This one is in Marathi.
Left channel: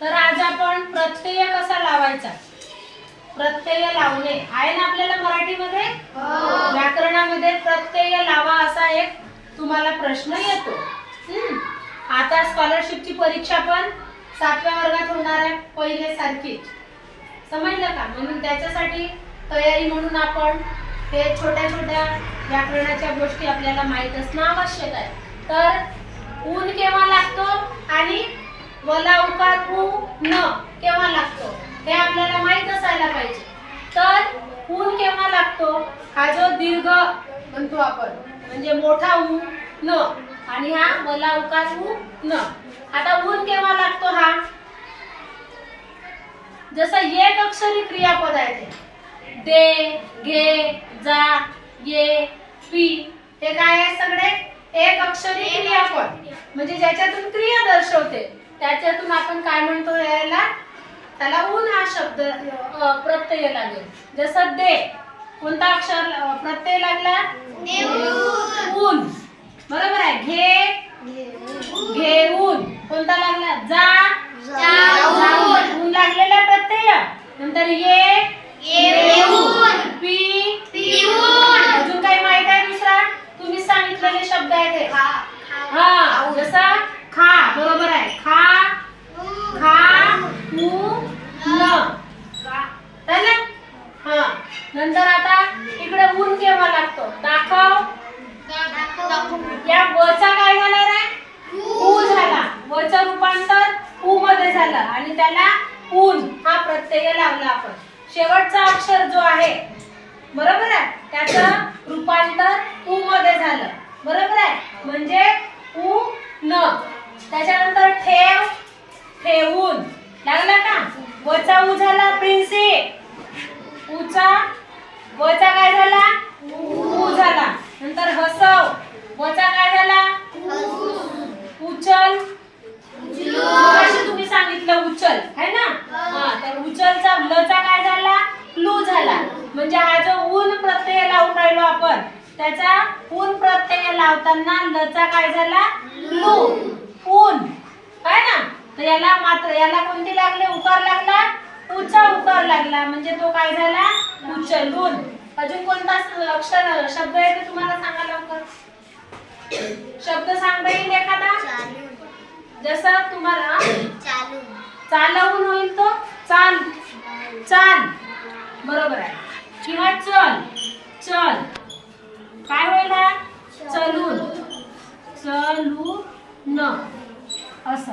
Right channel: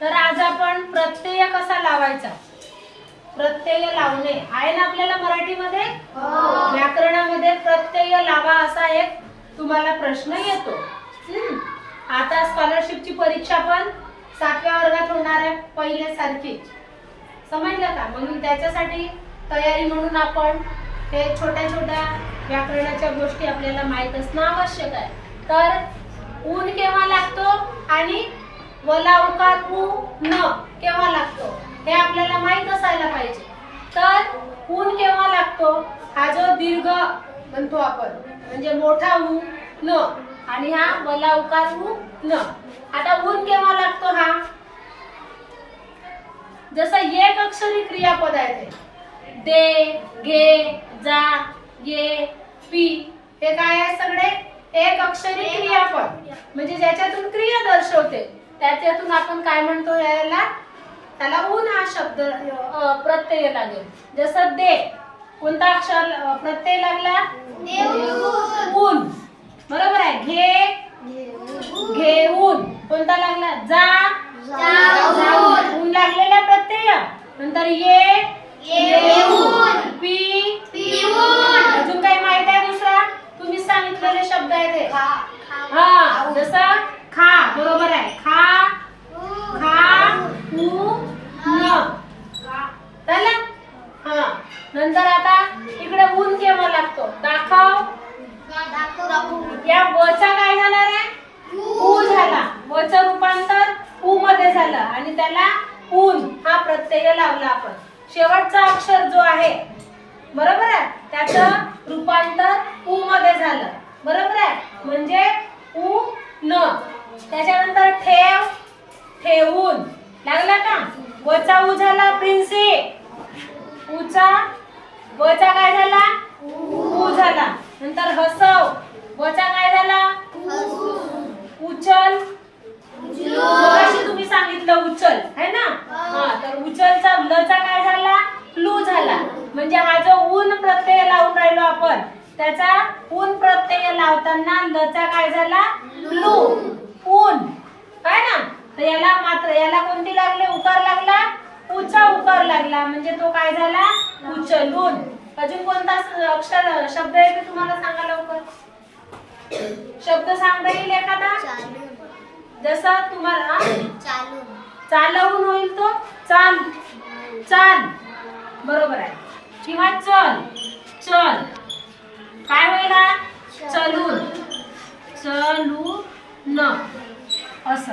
तर आज आपण प्रत्यय कसा लावायचा, प्रत्यय लावणे आहे ना आपल्याला मराठीमध्ये, व्याकरणामध्ये प्रत्यय लावा असा एक तुम्हाला प्रश्न येतो। आता स्कॉलरशिपची परीक्षा पण 7व्या वर्गात होणार आहे, पहिल्यासारखीच, समजलं का? म्हणून त्याच्यासाठी तयारी म्हणून आपण हे छोट्या छोट्या व्याकरणाच्या गोष्टी आपल्याला माहित असणं आवश्यक आहे। तर ऊन केव्हा लागतो आणि वला उकार उ न केव्हा लागतो हे आपल्याला माहित असायला पाहिजे। तर ऊन केव्हा लागतो, हा जो दीर्घ म्हणतो आपण म्हणजे मोठा उ न आणि हा वला उकार उ न। आता ऊन केव्हा लागतो, हा जसं एक अक्षरी क्रियापद आहे ते दे, घे, जा, ये, पी, हे काय आहे सगळे एक अक्षरी क्रियापद, म्हणजे ज्याच्यातून क्रिया दर्शवते त्याच्यातून आपण काय म्हणतो, याला त्याला ऊन हा शब्द प्रत्यय लागेल। जसं दे कोणता अक्षर प्रत्यय लागला, ऊन, बरोबर आहे। घे, घेऊन कोणता लागला, जा, जाऊन, ऊन लागलेला प्रत्यय। नंतर ये, येऊन, पी, पिऊन, अजून काही माहित आहे दुसरा तुम्ही सांगितलेले शब्द आहे ते, हा जसं खा, बरोबर आहे, खा, खा, ऊ, न, झालं। हा नंतर आता इकडे ऊन केव्हा लागतो, दाखव, या वचा काय झाला रे, ऊ झाला, वचं रूपांतर ऊ मध्ये झालं आणि त्याला ऊन हा प्रत्यय लावला आपण। शेवटचा अक्षर जो आहे, बरोबर आहे, त्याचं रूपांतर ऊ मध्ये झालं, बरोबर आहे, म्हणजे ऊ न। त्याच्यानंतर ठेव, ठेवून लागला का, वचा ऊ झाला प्रिन्सी, ऊचा वचा काय झाला, ऊ झाला। नंतर हसव, वचा काय झाला, उचल, मगाशी तुम्ही सांगितलं उचल है ना, हा तर उचलचा लचा काय झाला, लू झाला, म्हणजे हा जो ऊन प्रत्यय लावून राहिलो आपण त्याचा ऊन प्रत्यय लावताना लचा काय झाला, लू, ऊन, काय ना। तर याला मात्र याला कोणती लागले, उकार लागला, उचा उकार लागला, म्हणजे तो काय झाला, उचलून। अजून कोणता अक्षर शब्द आहे ते तुम्हाला सांगा लवकर, शब्द सांगता येईल एखादा, जसं तुम्हाला चालवून होईल तो चाल, चाल, बरोबर आहे, किंवा चल, चल, काय होईल, चलून, चलून, असं।